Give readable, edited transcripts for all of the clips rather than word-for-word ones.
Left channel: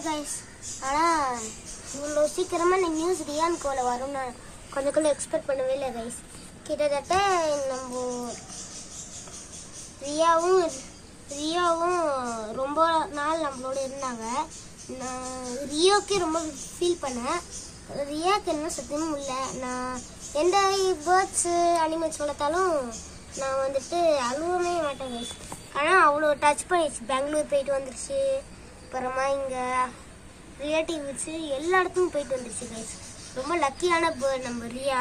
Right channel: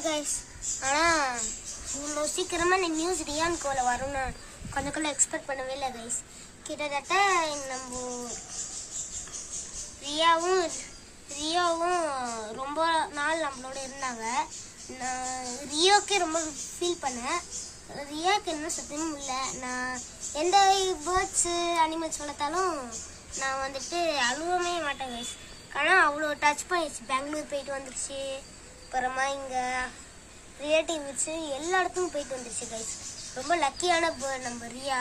Hi guys. ஆனால் இவ்வளோ சீக்கிரமாக இந்த நியூஸ் ரியான் கோல வரும்னு கொஞ்சம் எக்ஸ்பெக்ட் பண்ணவே இல்லை கைஸ். கிட்டத்தட்ட நம்ம ரியாவும் ரொம்ப நாள் நம்மளோட இருந்தாங்க. நான் ரியோக்கே ரொம்ப ஃபீல் பண்ணேன். ரியாவுக்கு என்ன சத்தியமும் இல்லை. நான் எந்த பேர்ட்ஸு அனிமல்ஸ் வளர்த்தாலும் நான் வந்துட்டு அழுவவே மாட்டேன் கைஸ். ஆனால் அவ்வளோ டச் பண்ணிடுச்சு. பெங்களூர் போயிட்டு வந்துருச்சு, அப்புறமா இங்கே ரிலேட்டிவ்ஸு எல்லா இடத்துக்கும் போயிட்டு வந்துருச்சு கைஸ். ரொம்ப லக்கியான பேர்ட் நம்ம ரியா.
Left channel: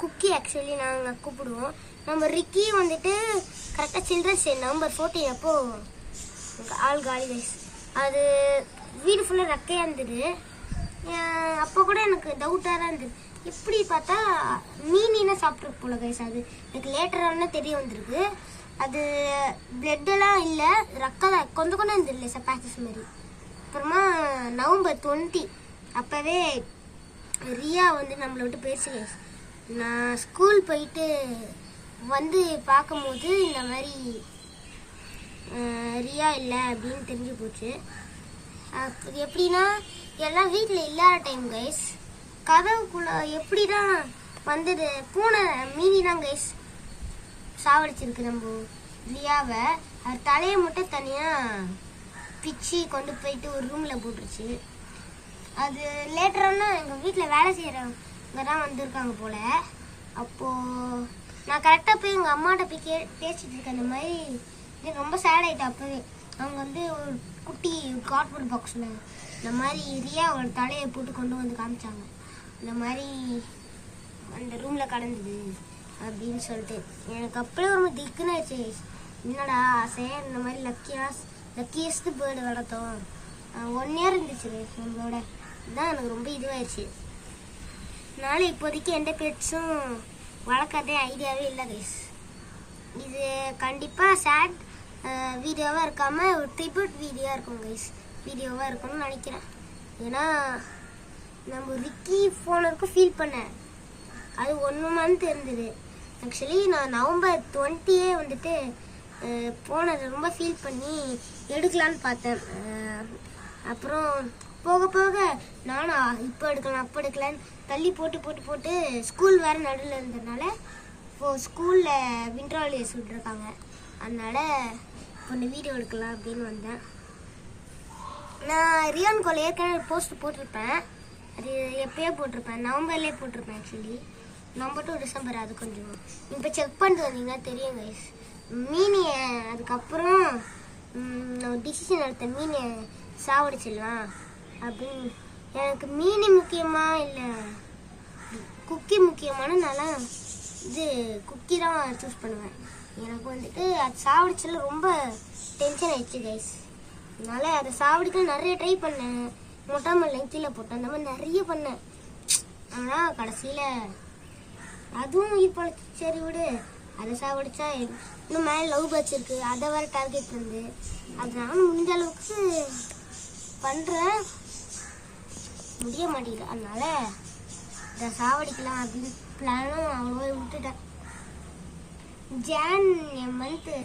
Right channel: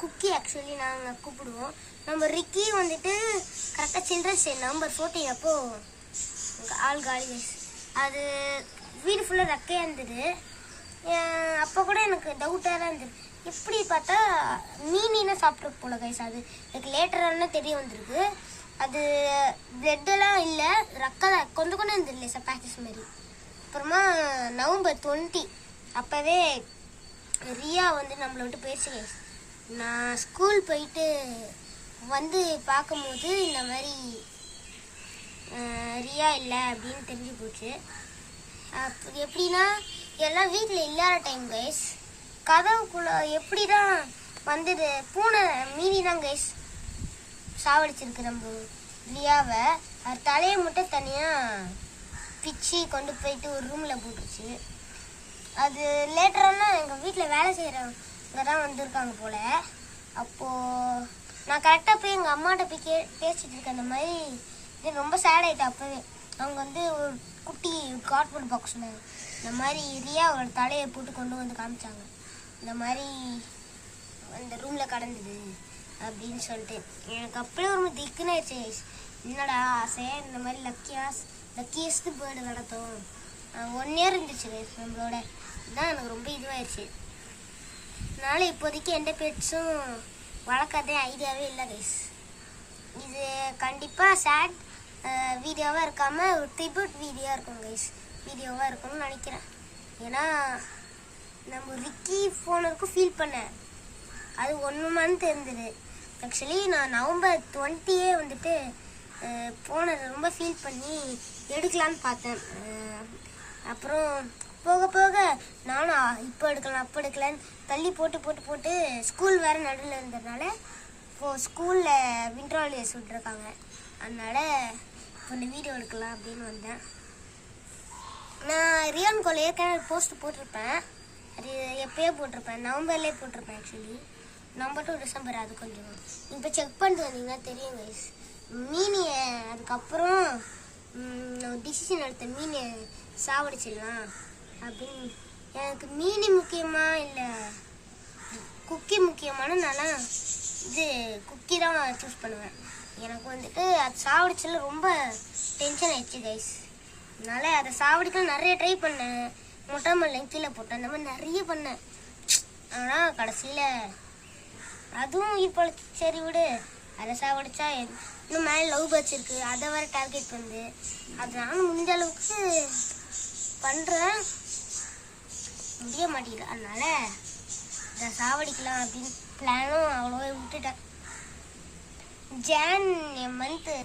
குக்கி ஆக்சுவலி நாங்கள் கூப்பிடுவோம். நம்ம ரிக்கி வந்துட்டு கரெக்டாக சில்ட்ரன்ஸ் டே நவம்பர் 14 அப்போது ஆள் காலி கைஸ். அது வீடு ஃபுல்லாக ரெக்கையாக இருந்தது. அப்போ கூட எனக்கு டவுட்டாக தான் இருந்தது, எப்படி பார்த்தா மீனினா சாப்பிட்ருக்கு போல கைஸ். அது எனக்கு லேட்டரான தெரிய வந்திருக்கு. அது பிளட்டெல்லாம் இல்லை, ரக்கம் தான் கொஞ்சம் இருந்தது இல்லை சார், பேக்கஸ் மாரி. அப்புறமா நவம்பர் 20 அப்போவே ரியா வந்து நம்மளை விட்டு போயிடுச்சு கைஸ். நான் ஸ்கூல் போயிட்டு வந்து பார்க்கும்போது இந்த மாதிரி ரியா இல்லை அப்படின்னு தெரிஞ்சு போச்சு. எப்படின்னா எல்லாம் வீட்டில் இல்லாத டைம் கைஸ், கதவுக்குள்ள எப்படி தான் வந்தது, பூனை மீனி தான் கைஸ் சாவடிச்சிருக்கு நம்ம ரியாவை. அது தலையை மட்டும் தனியாக பிச்சு கொண்டு போயிட்டு ஒரு ரூமில் போட்டுருச்சு. அது லேட்டரான எங்கள் வீட்டில் வேலை செய்கிறவங்க தான் வந்திருக்காங்க போல். அப்போது நான் கரெக்டாக போய் எங்கள் அம்மாட்ட போய் பேசிகிட்டு இருக்கேன். அந்த மாதிரி இது ரொம்ப சேட் ஆகிட்டேன். அப்போவே அவங்க வந்து ஒரு குட்டி கார்ட்போர்ட் பாக்ஸில் இந்த மாதிரி ரியாவோட தலையை போட்டு கொண்டு வந்து காமிச்சாங்க. இந்த மாதிரி அந்த ரூமில் கடந்தது அப்படின்னு சொல்லிட்டு எனக்கு அப்படியே ஒரு திக்குன்னு ஆயிடுச்சு. என்னடா ஆசை, இந்த மாதிரி லக்கியஸ்ட் பேர்டு வளர்த்தோம். 1 year இருந்துச்சு நம்மளோட. இதுதான் எனக்கு ரொம்ப இதுவாயிடுச்சு. அதனால இப்போதைக்கு எந்த பெட்ஸும் வளர்க்கறதே ஐடியாவே இல்லை கைஸ். இது கண்டிப்பாக சேட் வீடியோவாக இருக்காமல் ஒரு ட்ரிபியூட் வீடியோவாக இருக்கணும்னு நினைக்கிறேன். ஏன்னா நம்ம ரிக்கி ஃபோனருக்கும் ஃபீல் பண்ணேன். அது 1 month இருந்தது. ஆக்சுவலி நான் நவம்பர் 20 வந்துட்டு போனதை ரொம்ப ஃபீல் பண்ணி எடுக்கலான்னு பார்த்தேன். அப்புறம் போக நானும் இப்போ எடுக்கலாம் அப்போ எடுக்கலான்னு தள்ளி போட்டு ஸ்கூல் வேறு நடுவில் இருந்ததுனால இப்போது ஸ்கூலில் வின்டர் ஹாலிடேஸ் விட்டுருக்காங்க. அதனால் இப்போ இந்த வீடியோ எடுக்கலாம் அப்படின்னு வந்தேன். நான் ரியான் கோல ஏற்கனவே போஸ்ட் போட்டிருப்பேன். அது எப்போயோ போட்டிருப்பேன், நவம்பர்லேயே போட்டிருப்பேன். Actually November to December. அது கொஞ்சம் இப்போ செக் பண்ணிட்டு வந்தீங்கன்னா தெரியும் கைஸ். மீனியை அதுக்கப்புறம் டிசிஷன் எடுத்த மீனை சாவடிச்சிடலாம் அப்படின்னு. எனக்கு மீனி முக்கியமாக இல்லை குக்கி முக்கியமான நாளாக இது குக்கி தான் சூஸ் பண்ணுவேன். எனக்கு வந்துட்டு அது சாவடிச்சல ரொம்ப டென்ஷன் ஆயிடுச்சு கைஸ். அதனால் அதை சாவடிக்க நிறைய ட்ரை பண்ணேன். மொட்டை லெங்க்தியில் போட்டேன், அந்த மாதிரி நிறைய பண்ணேன். ஆனால் கடைசியில் அதுவும் இப்போ சரி விடு, அதை சாவடிச்சா இன்னும் மேலே லவ் பேர்ட்ஸ் இருக்குது, அதை வேறு டார்கெட் பண்ணுது. அதனால முடிஞ்ச அளவுக்கு பண்ணுறேன், முடிய மாட்டேங்குது. அதனால் இதை சாவடிக்கலாம் அப்படின்னு பிளானும் அவ்வளோவா விட்டுட்டேன். ஜான் மந்த்து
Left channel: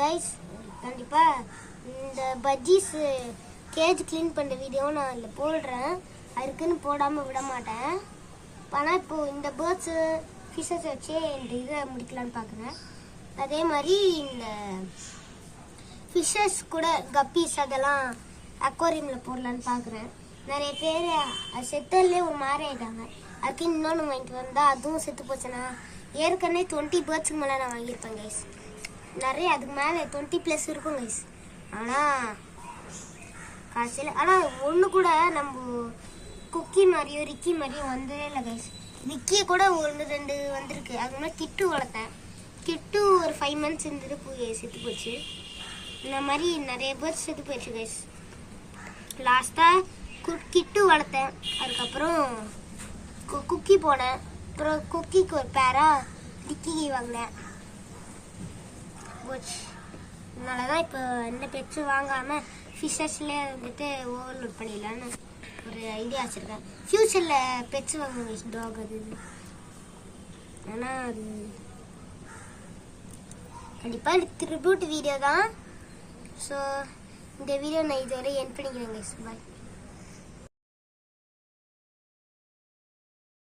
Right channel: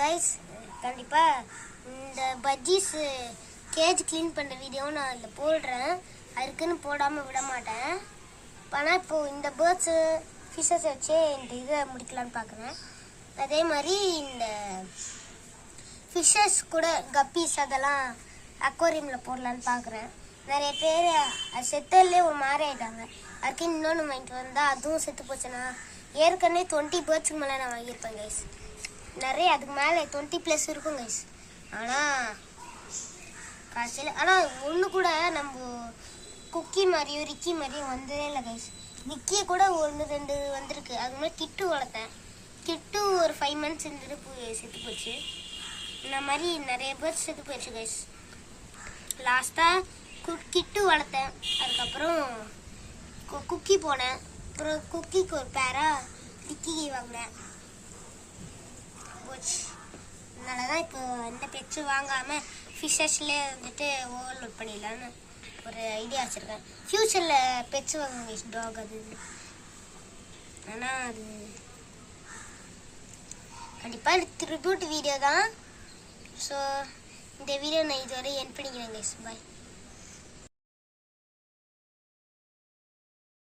கைஸ் கண்டிப்பாக இந்த பஜ்ஜீஸு கேஜ் க்ளீன் பண்ணுற வீடியோவும் நான் அதில் போடுறேன். அதுக்குன்னு போடாமல் விட மாட்டேன். ஆனால் இப்போது இந்த பேர்ட்ஸு ஃபிஷ்ஷஸ் வச்சே இந்த இதை முடிக்கலான்னு பார்க்குறேன். அதே மாதிரி இந்த ஃபிஷ்ஷஸ் கூட கப்பீஸ் அதெல்லாம் அக்வாரியமில் போடலான்னு பார்க்குறேன். நிறைய பேர் அது செத்தல்லே ஒரு மாதிரி ஆகிட்டாங்க. அதுக்கு இன்னொன்று வாங்கிட்டு வந்தால் அதுவும் செத்து போச்சுன்னா. ஏற்கனவே 20 பேர்ட்ஸுக்கு மேலே நான் வாங்கியிருப்பேன் கைஸ். நிறைய அதுக்கு மேலே 20+ இருக்கும் கைஸ். ஆனால் ஒன்று கூட நம்ம குக்கி மாதிரியோ ரிக்கி மாதிரியும் வந்ததே இல்லை கைஸ். ரிக்கியை கூட 1-2 வந்திருக்கு. அதுக்கு மேலே கிட்டு வளர்த்தேன். கிட்டு ஒரு 5 months இருந்துட்டு செத்து போச்சு. இந்த மாதிரி நிறைய பேர் செத்து போயிடுச்சு கைஸ். லாஸ்ட்டாக கிட்டு வளர்த்தேன். அதுக்கப்புறம் குக்கி போனேன். அப்புறம் குக்கிக்கு ஒரு பேராக ரிக்கி வாங்கினேன் போச்சு. அதனால தான் இப்போ எந்த பெட்ஸும் வாங்காமல் ஃபிஷ்ஷஸ்லேயே வந்துட்டு ஓவர்லோட் பண்ணிடலான்னு ஒரு ஐடியா வச்சுருக்கேன். ஃப்யூச்சரில் பெட்ஸ் வாங்குங்க டாக் அது. ஆனால் அது கண்டிப்பாக ட்ரிபியூட் வீடியோ தான். ஸோ இந்த வீடியோ நான் இதுவரை என் பண்ணிக்கிறேன் கைஸ். பாய்.